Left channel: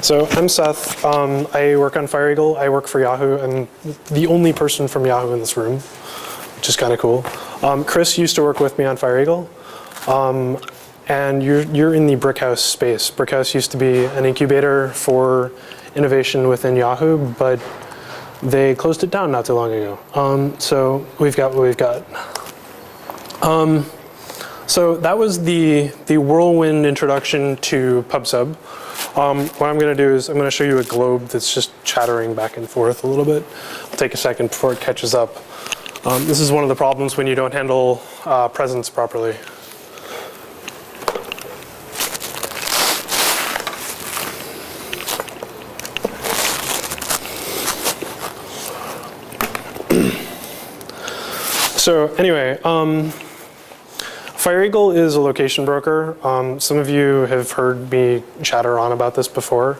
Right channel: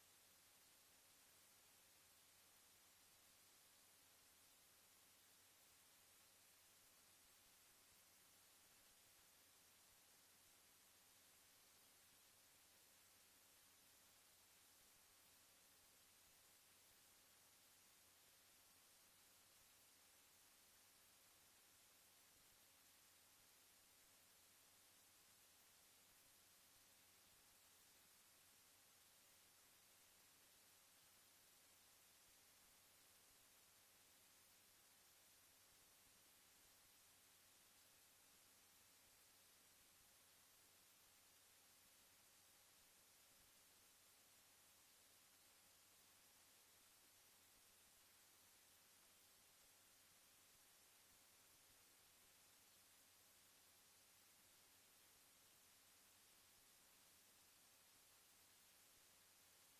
So I'm Seth. I work on FireEagle. I work for Yahoo. I'm the only person from Yahoo in this room, which is kind of cool. Chris used to work with me on FireEagle. And you're in the Brickhouse space. Brickhouse used to be an incubator for innovation within Yahoo, but they closed it down not too long ago. So we've got what we've got. So that was the whirlwind introduction to PubSub. What I'm going to do is I'm going to show you a globe that's just chattering back and forth a little bit. It'll take a second before it catches up. This is one of the problems when you don't handle presence properly. So anyway, FireEagle is a location broker. Some of you have heard me chatter on about this before.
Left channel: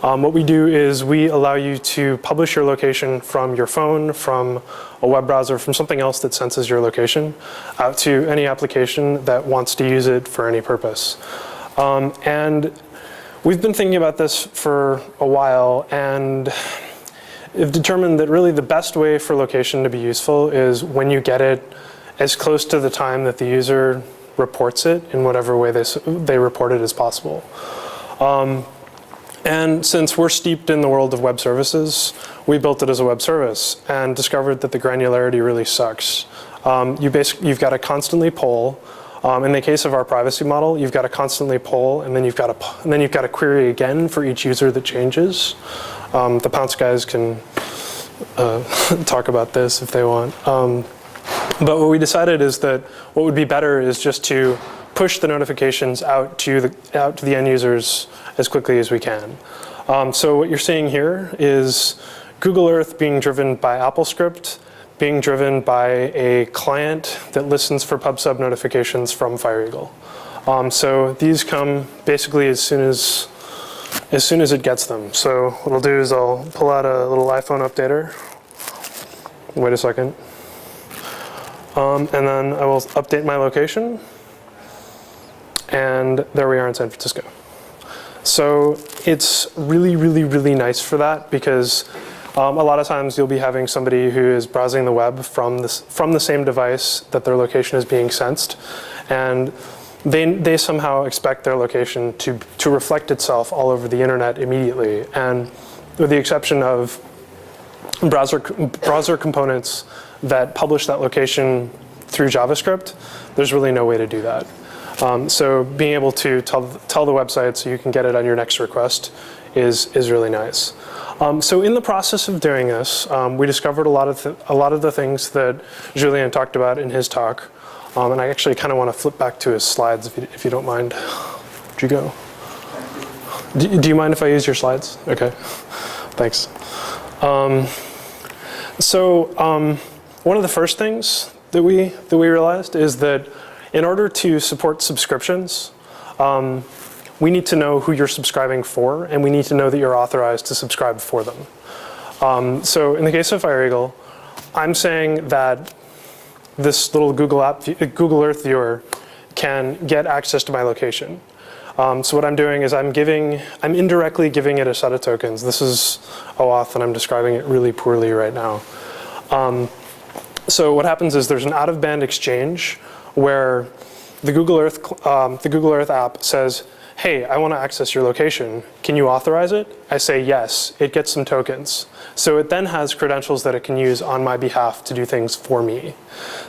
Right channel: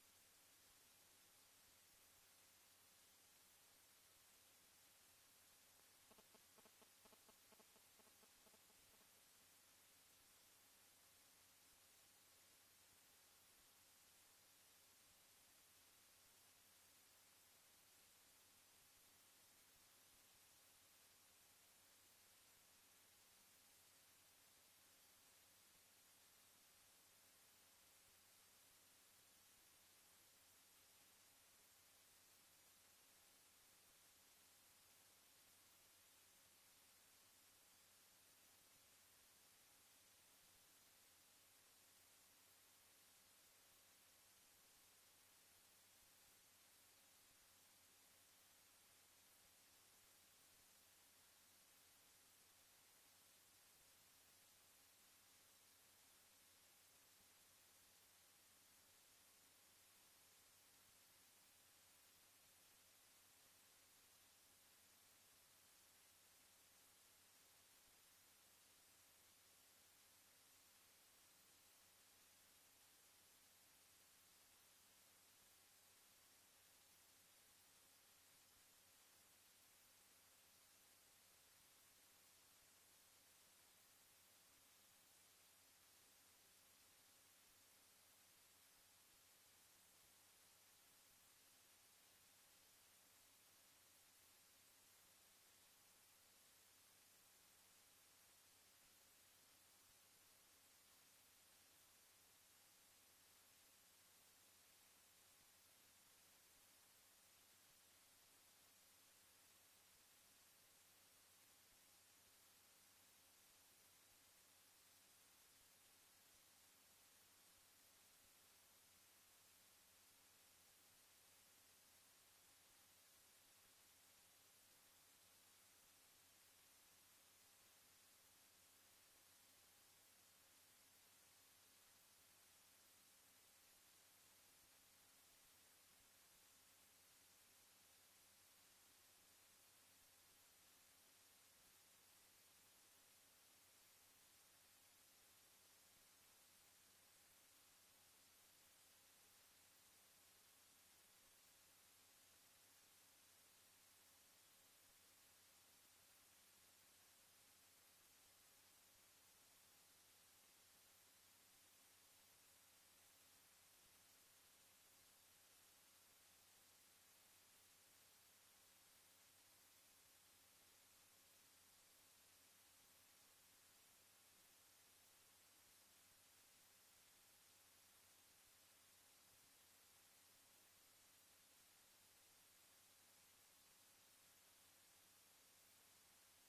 What we do is we allow you to publish your location from your phone, from a web browser, from something else that senses your location, out to any application that wants to use it for any purpose. And we've been thinking about this for a while, and have determined that really the best way for location to be useful is when you get it as close to the time that the user reports it in whatever way they report it as possible. And since we're steeped in the world of web services, we built it as a web service and discovered that the granularity really sucks. You've got to constantly poll. In the case of our privacy model, you've got to constantly poll, and then you've got to query again for each user that changes. The Pounce guys can talk about this if they want. But what we decided is that what would be better is just to push the notifications out to the end users as quickly as we can. So what you're seeing here is Google Earth being driven by AppleScript, being driven by a client that listens for PubSub notifications from FireEagle. So these come basically as soon as it gets them. So what I'll do is I'll pull out a little iPhone updater. Wait a second. And then I will update my location. And there we are in San Francisco. So it's really, really, really nice for that because a lot of times you'll be having somebody who is browsing the web from the same device that their location is being sensed. And they somehow expect their location to reflect itself all over the internet immediately. And with the exception of browser components that publish that location through JavaScript, there's really no way to do that. So being able to tell the website so you can get it on your next request is really nice. So in the process of doing this, we discovered a lot of the things that Julien talked about in his talk. And I actually kind of want to flip back to his slides if you don't mind. Would you go? Do you mind if I use your slides? OK, thanks. One of the first things that we realized is that in order to support subscriptions, we need to know who you're subscribing for, and we need to know that you're authorized to subscribe for them. So in the case of FireEagle, I'm saying that this little Google Earth viewer can get access to my location. So what I'm doing is I'm indirectly giving it a set of tokens. This is OAuth, and I'm describing it really poorly right now. So what happens is there's an out-of-band exchange where the Google Earth app says, hey, I want to access your location. Can you authorize it? I say yes. It gets some tokens. So it then has credentials that it can use on my behalf to do things for me.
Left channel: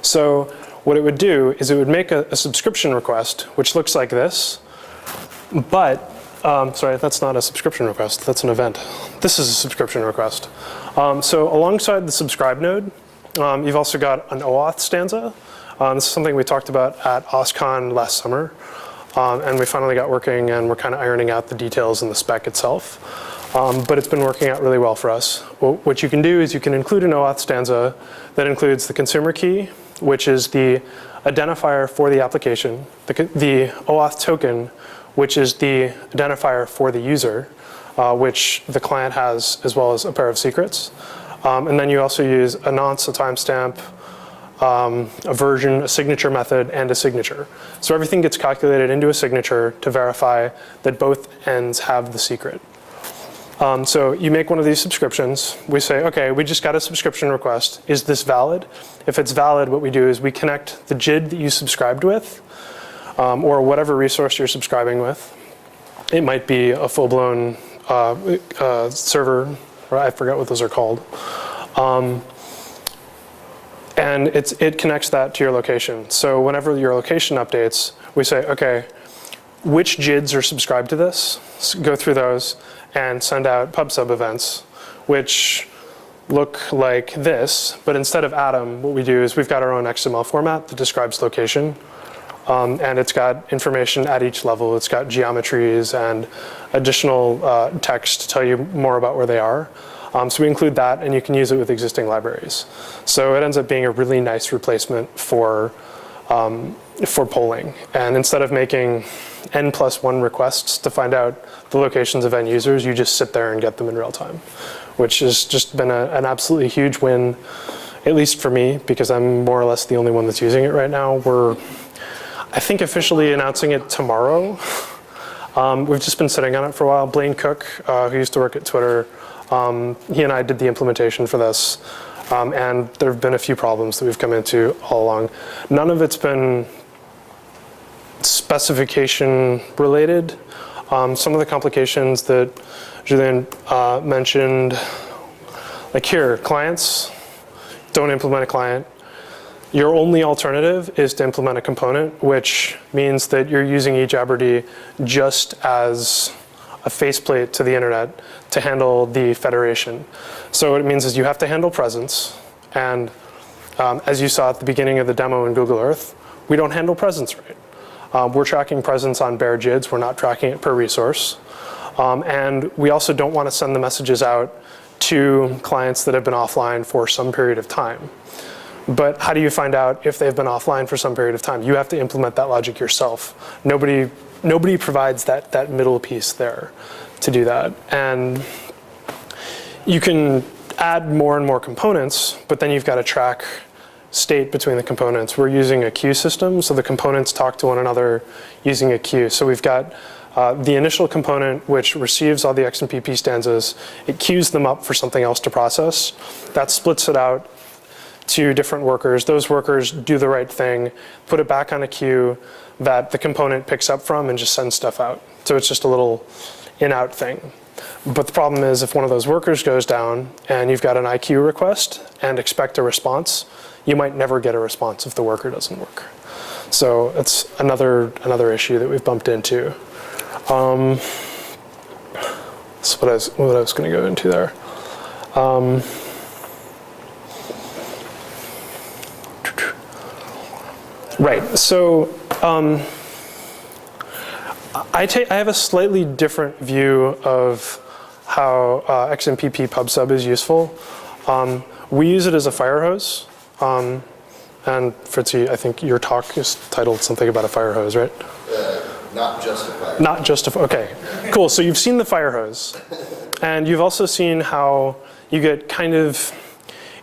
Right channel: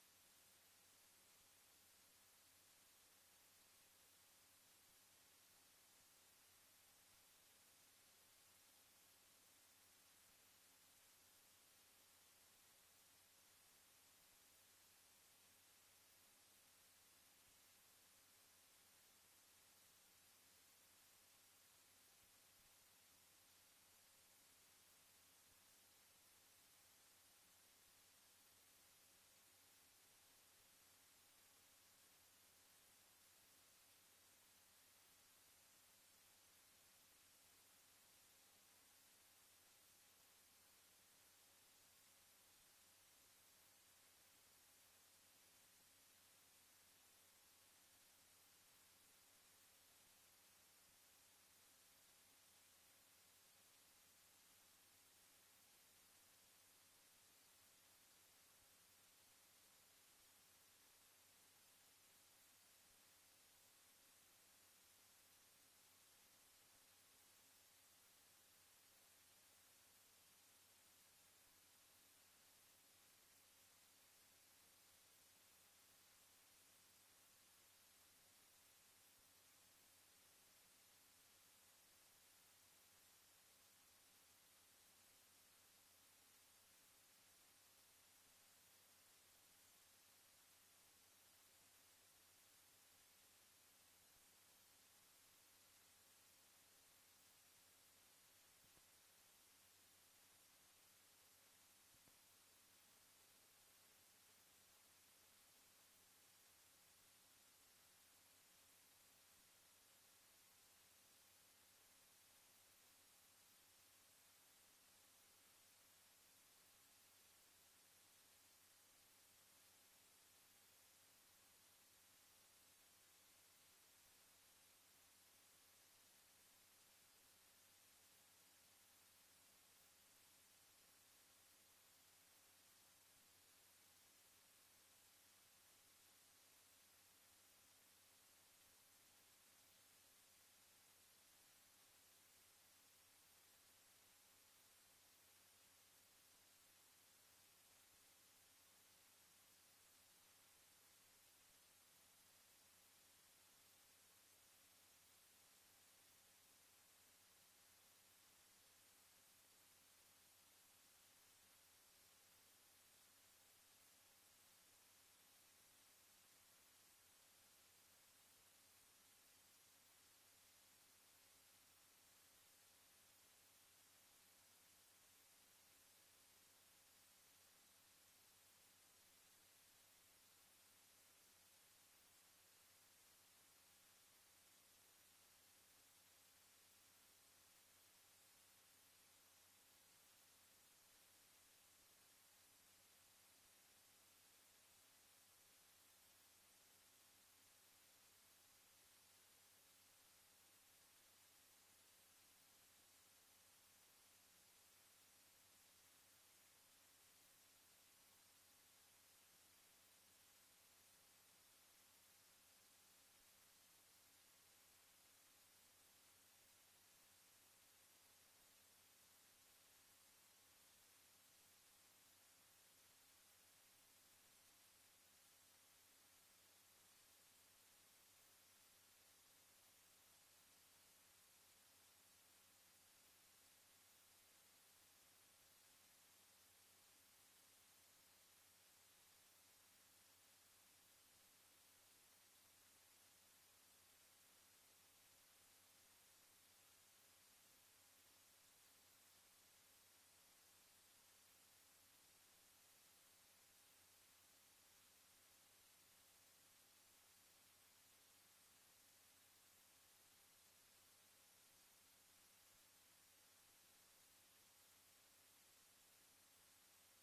So what it would do is it would make a subscription request, which looks like this. But, sorry, that's not a subscription request. That's an event. This is a subscription request. So alongside the subscribe node, you've also got an OAuth stanza. This is something we talked about at OSCON last summer. And we finally got working, and we're kind of ironing out the details in the spec itself. But it's been working out really well for us. What you can do is you can include an OAuth stanza that includes the consumer key, which is the identifier for the application, the OAuth token, which is the identifier for the user, which the client has, as well as a pair of secrets. And then you also use a nonce, a timestamp, a version, a signature method, and a signature. So everything gets calculated into a signature to verify that both ends have the secret. So you make one of these subscriptions. We say, okay, we just got a subscription request. Is this valid? If it's valid, what we do is we connect the JID that you subscribed with, or whatever resource you're subscribing with. It might be a full-blown server, or I forget what those are called. And it connects that to your location. So whenever your location updates, we say, okay, which JIDs are subscribed to this? Go through those and send out pub/sub events, which look like this. But instead of Atom, what we do is we've got our own XML format that describes location. And it's got information at each level. It's got geometries and additional text to tell you more about where they are. So we include that, and you can use it with existing libraries. So it ends up being a really nice replacement for polling. And instead of making n+1 requests to find out the locations of end users, you just sit there and get them in real time, which has just been an absolutely huge win, at least for me, because I'm more or less the only one that's using it right now. We're, I think, officially announcing it tomorrow. We've just been sitting on it for a while. Blaine Cook, who used to work at Twitter, he and I did the implementation for this. And there have been a few problems that we've come into all along. None of it's been specification related. Some of the complications that Julien mentioned, like here, clients, don't implement a client. Your only alternative is to implement a component, which means that you're using eJabberD just as a faceplate to the internet to handle the federation. So what it means is you have to handle presence. And as you saw at the beginning of the demo in Google Earth, we don't handle presence right. We're tracking presence on bare JIDs. We're not tracking it per resource. And we also don't want to send the messages out to clients that have been offline for some period of time. But how do you find out if they've been offline for some period of time? You have to implement that logic yourself. Nobody provides that middle piece there to do that. And you can add more and more components, but then you've got to track state between the components. We're using a queue system, so the components talk to one another using a queue. So we've got the initial component, which receives all the XMPP stanzas. It queues them up for something else to process. That splits it out to different workers. Those workers do the right thing, put it back on a queue that the component picks up from and just sends stuff out. So it's just a little in-out thing. But the problem is if one of those workers goes down and you've got an IQ request and expect a response, you might never get a response if the worker doesn't work. So it's another issue that we've bumped into. That's what I was going to go into there. Right. So I have a slightly different view of how XMPP pub/sub is useful. We use it as a fire hose. And Fritzy, I think your talk is titled something about a fire hose, right? Not just a fire hose. Not just a, okay, cool. So you've seen the fire hose. And you've also seen how you get kind of,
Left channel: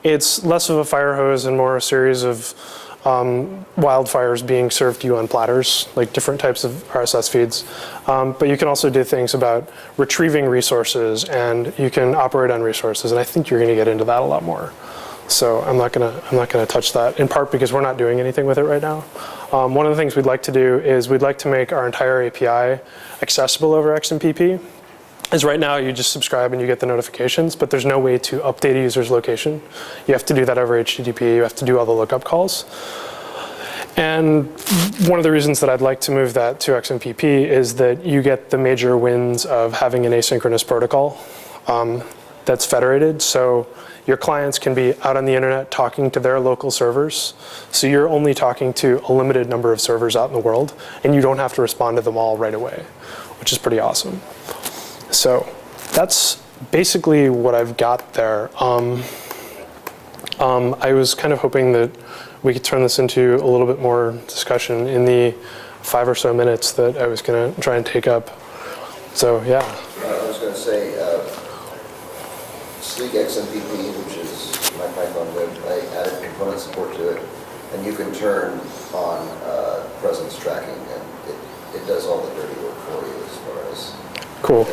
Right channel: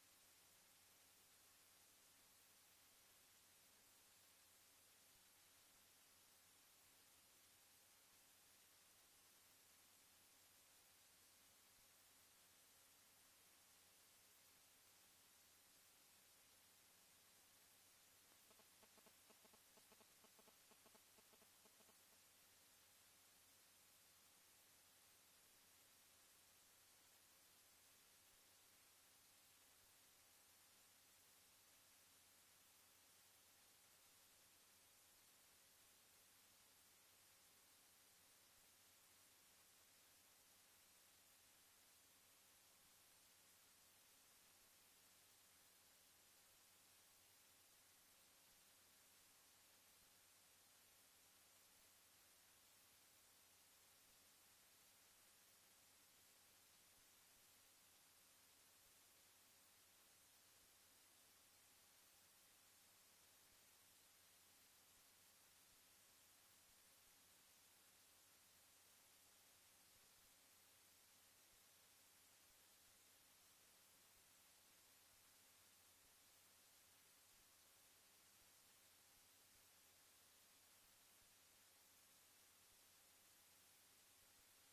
it's less of a fire hose and more a series of wildfires being served to you on platters, like different types of RSS feeds. But you can also do things about retrieving resources, and you can operate on resources. And I think you're going to get into that a lot more. So I'm not gonna touch that, in part because we're not doing anything with it right now. One of the things we'd like to do is we'd like to make our entire API accessible over XMPP. As right now, you just subscribe and you get the notifications, but there's no way to update a user's location. You have to do that over HTTP. You have to do all the lookup calls. And one of the reasons that I'd like to move that to XMPP is that you get the major wins of having an asynchronous protocol that's federated. So your clients can be out on the internet talking to their local servers. So you're only talking to a limited number of servers out in the world, and you don't have to respond to them all right away, which is pretty awesome. So that's basically what I've got there. I was kind of hoping that we could turn this into a little bit more discussion in the 5 or so minutes that I was going to try and take up. So, yeah. I was going to say, Sleek XMPP, which is my Python lib, I added component support to it. And you can turn on presence tracking, and it does all the dirty work for you as far as Cool.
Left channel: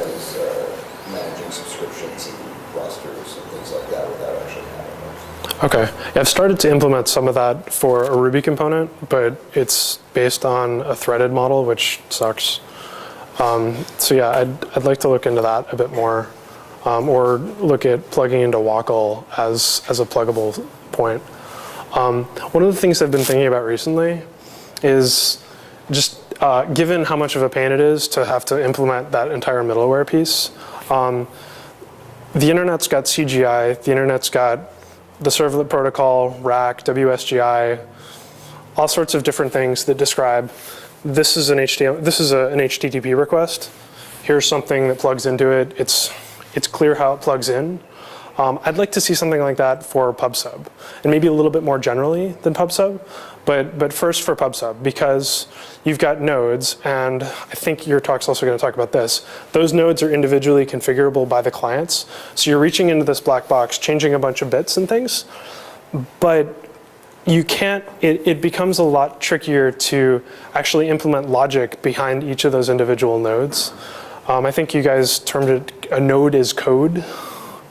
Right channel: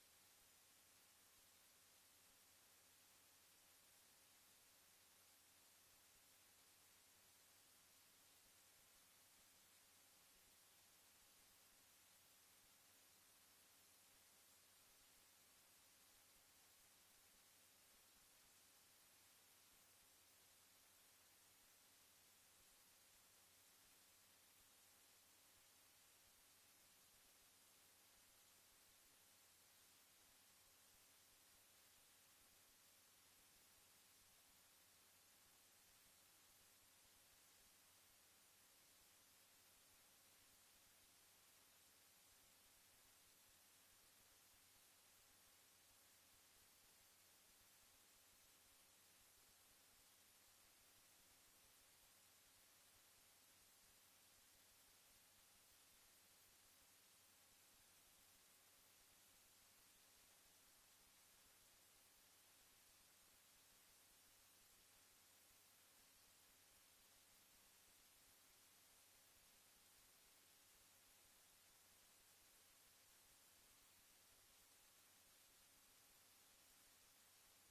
managing subscriptions and rosters and things like that without actually having them. Okay. Yeah, I've started to implement some of that for a Ruby component, but it's based on a threaded model, which sucks. So yeah, I'd like to look into that a bit more, or look at plugging into Wackle as a pluggable point. One of the things I've been thinking about recently is just given how much of a pain it is to have to implement that entire middleware piece. The internet's got CGI, the internet's got the servlet protocol, RAC, WSGI, all sorts of different things that describe this is an HTTP request. Here's something that plugs into it. It's clear how it plugs in. I'd like to see something like that for PubSub, and maybe a little bit more generally than PubSub, but first for PubSub, because you've got nodes, and I think your talk's also going to talk about this. Those nodes are individually configurable by the clients, so you're reaching into this black box, changing a bunch of bits and things, but you can't, it becomes a lot trickier to actually implement logic behind each of those individual nodes. I think you guys termed it a node is code.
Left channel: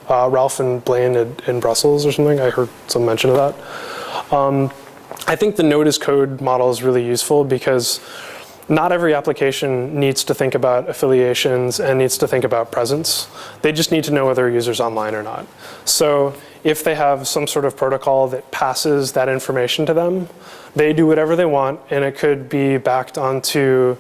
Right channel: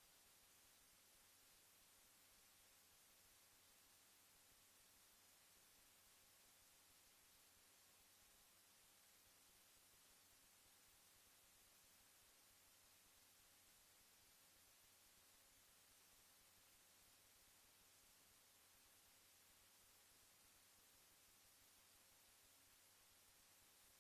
Ralph and Blaine in Brussels or something, I heard some mention of that. I think the node as code model is really useful because not every application needs to think about affiliations and needs to think about presence. They just need to know whether a user's online or not. So if they have some sort of protocol that passes that information to them, they do whatever they want, and it could be backed onto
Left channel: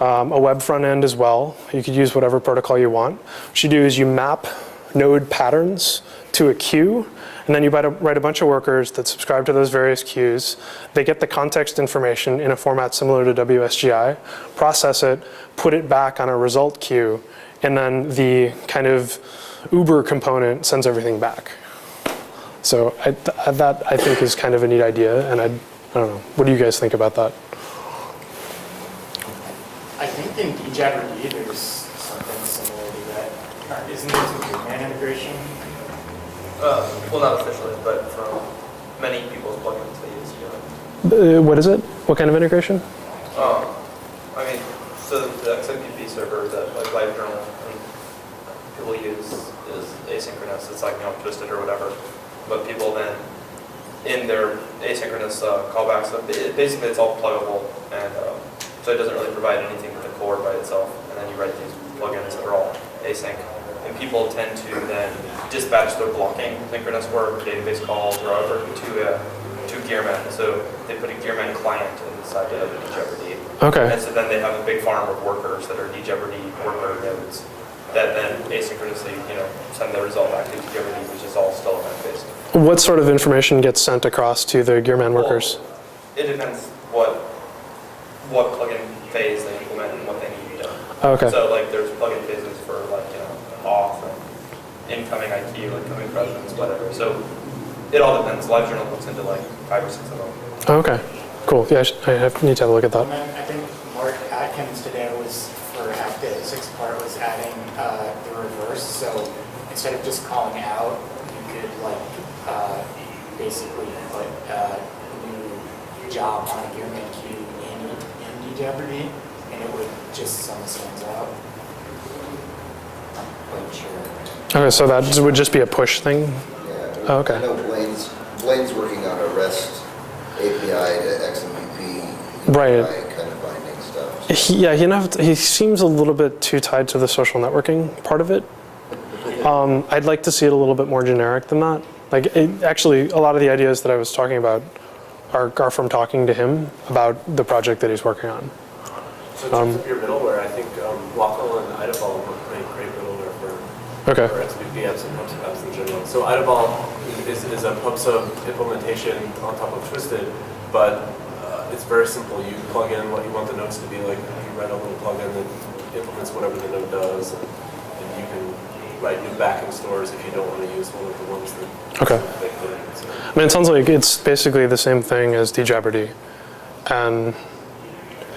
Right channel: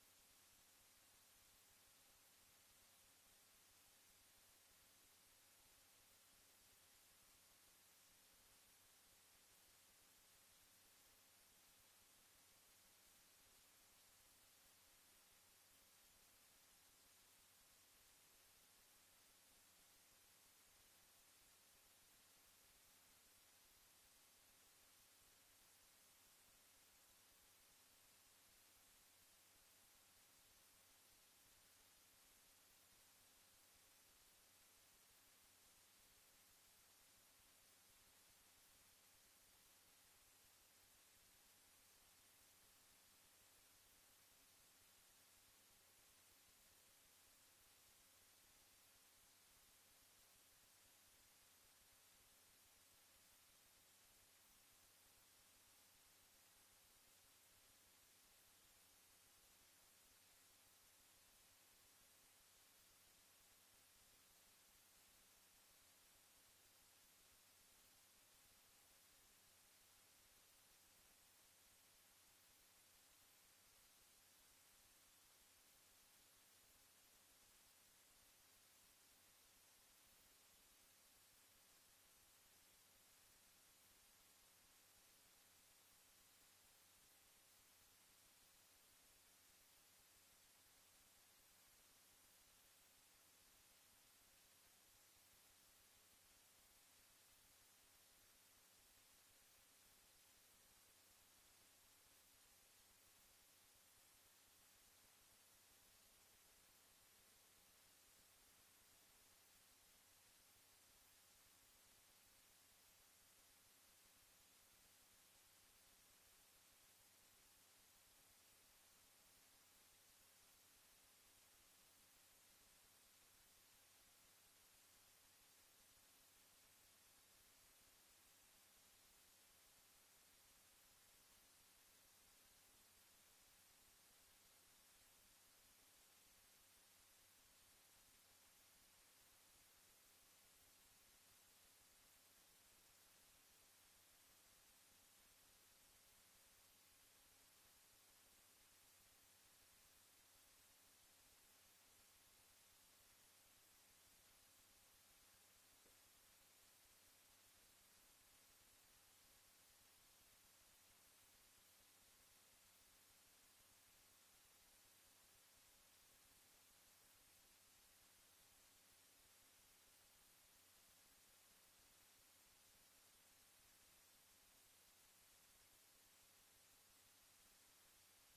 a web front end as well. You could use whatever protocol you want. What you do is you map node patterns to a queue, and then you write a bunch of workers that subscribe to those various queues. They get the context information in a format similar to WSGI, process it, put it back on a result queue, and then the kind of Uber component sends everything back. So that I think is kind of a neat idea, and I don't know. What do you guys think about that? I think in DJabberD there's something similar to that. Isn't there some Gitman integration? Well, not officially, but from many people's plugins they use. What is it? What kind of integration? I mean, so the XMPP server that like LiveJournal and people use is asynchronous. It's like, twisted or whatever. But people then, in their asynchronous callbacks, basically it's all pluggable, and so it doesn't really provide anything with the core by itself. And then you write these plugins that are all async. And people tend to then dispatch their blocking synchronous work, database calls, or whatever to Gearman. So they put a Gearman client inside of DJabberD. Okay. And so then they have a big farm of workers that are DJabberD worker nodes that then asynchronously, send the result back to DJabberD, which is all still event-based. What sort of information gets sent across to the Gearman workers? It depends what plugin phase they implement and what they need done. Okay. So like there's plugin phases for like auth and incoming IQ, incoming presence, whatever. So it all depends. LiveJournal looks into like 5 or 6 of them. Okay. Cool. Yeah, need to have a look at that. And then I think Mark Atkins today was, for half the 6th part, was adding the reverse. So instead of just calling out, you could basically put a new job on a Gearman queue in DJabberD, and it would just send the stands out. I'm quite sure. Okay, so that would just be a push thing? Yeah. Oh, okay. I know Blaine's working on a REST API to XMPP, Right. API kind of binding stuff. He seems a little bit too tied to the social networking part of it. I'd like to see it a little bit more generic than that. Actually, a lot of the ideas that I was talking about are from talking to him about the project that he's working on. So in terms of your middleware, I think Wackle and Idaball make great middleware for XMPP apps and PubSub apps in general. So Idaball is a PubSub implementation on top of Twisted, but it's very simple. You plug in what you want the nodes to be like. You write a little plugin that implements whatever the node does, and you can write new backing stores if you don't want to use one of the ones that they put in. So. I mean, it sounds like it's basically the same thing as DJabberD, and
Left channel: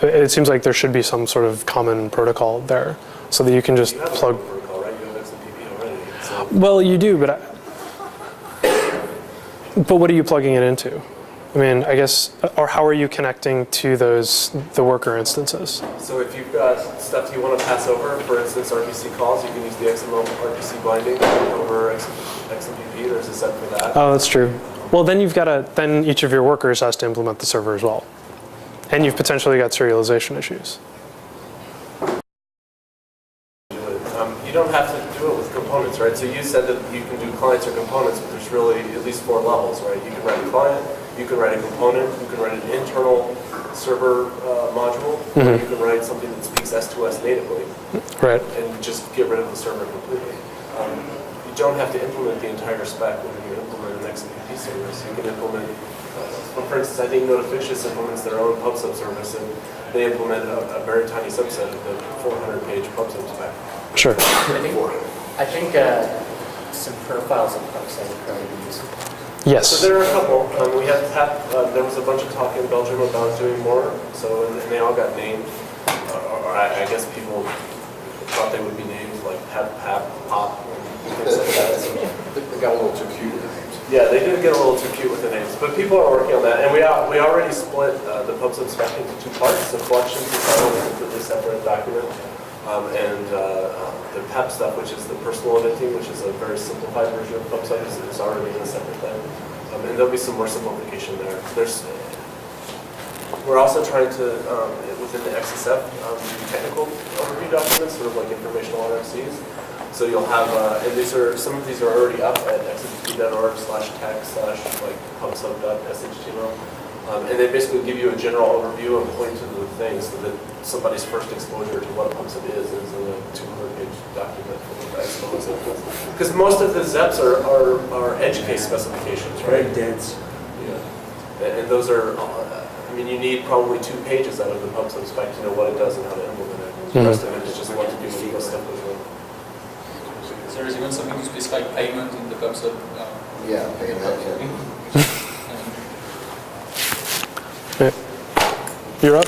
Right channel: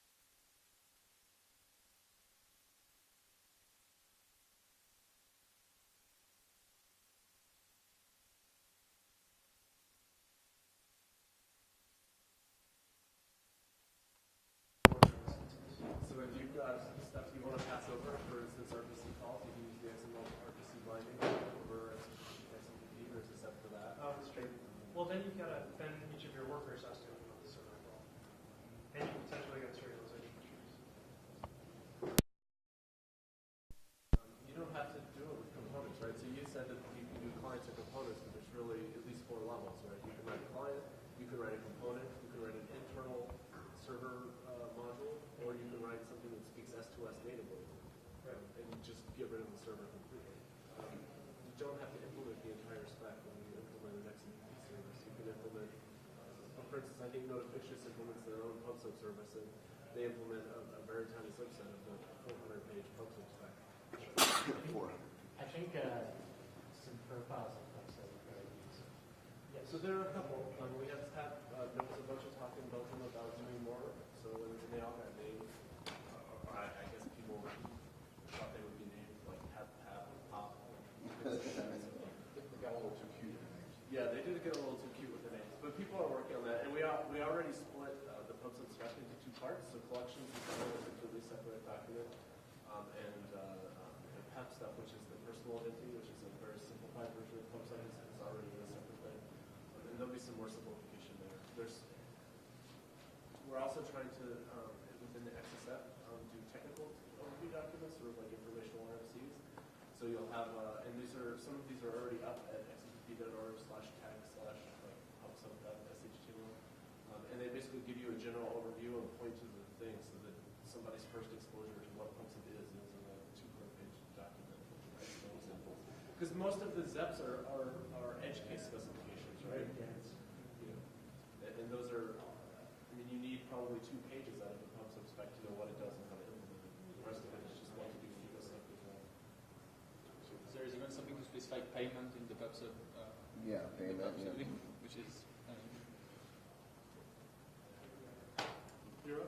it seems like there should be some sort of common protocol there, so that you can just plug. Protocol, right? You have XMPP already. So. Well, you do, but what are you plugging it into? I mean, I guess, or how are you connecting to the worker instances? So if you've got stuff you want to pass over, for instance, RPC calls, you can use the XML RPC binding over XMPP. There's a set for that. Oh, that's true. Well, then then each of your workers has to implement the server as well. And you've potentially got serialization issues. You don't have to do it with components, right? So you said that you can do clients or components, but there's really at least 4 levels, right? You can write a client, you can write a component, you can write an internal server module, or you can write something that speaks S2S natively, Right. and just get rid of the server completely. You don't have to implement the entire spec when you implement an XMPP service. You can implement, for instance, I think Notificious implements their own PubSub service, and they implement a very tiny subset of the 400-page PubSub spec. Sure. I think some profiles of PubSub would probably be useful. Yes. So there are a couple. There was a bunch of talk in Belgium about doing more, so and they all got named. Or I guess people thought they would be named like Pep, Pap, Pop, and things like that. They got a little too cute with the names. Yeah, they did get a little too cute with the names, but people are working on that, and we already split the PubSub spec into 2 parts. The collections is a completely separate document, and the PEP stuff, which is the personal eventing, which is a very simplified version of PubSub, is already in a separate thing. And there'll be some more simplification there. We're also trying to, within the XSF, do technical overview documents, sort of like informational RFCs. So you'll have, and some of these are already up at xmpp.org/tech/pubsub.shtml. And they basically give you a general overview and point to the things so that somebody's first exposure to what PubSub is in a 200-page document. Because most of the ZEPs are edge case specifications, right? Very dense. Yeah. And those are, I mean, you need probably 2 pages out of the PubSub spec to know what it does and how to implement it. The rest of it is just what to do when stuff goes wrong. So there is even something to specify payment in the PubSub. Yeah, payment, yeah. You're up.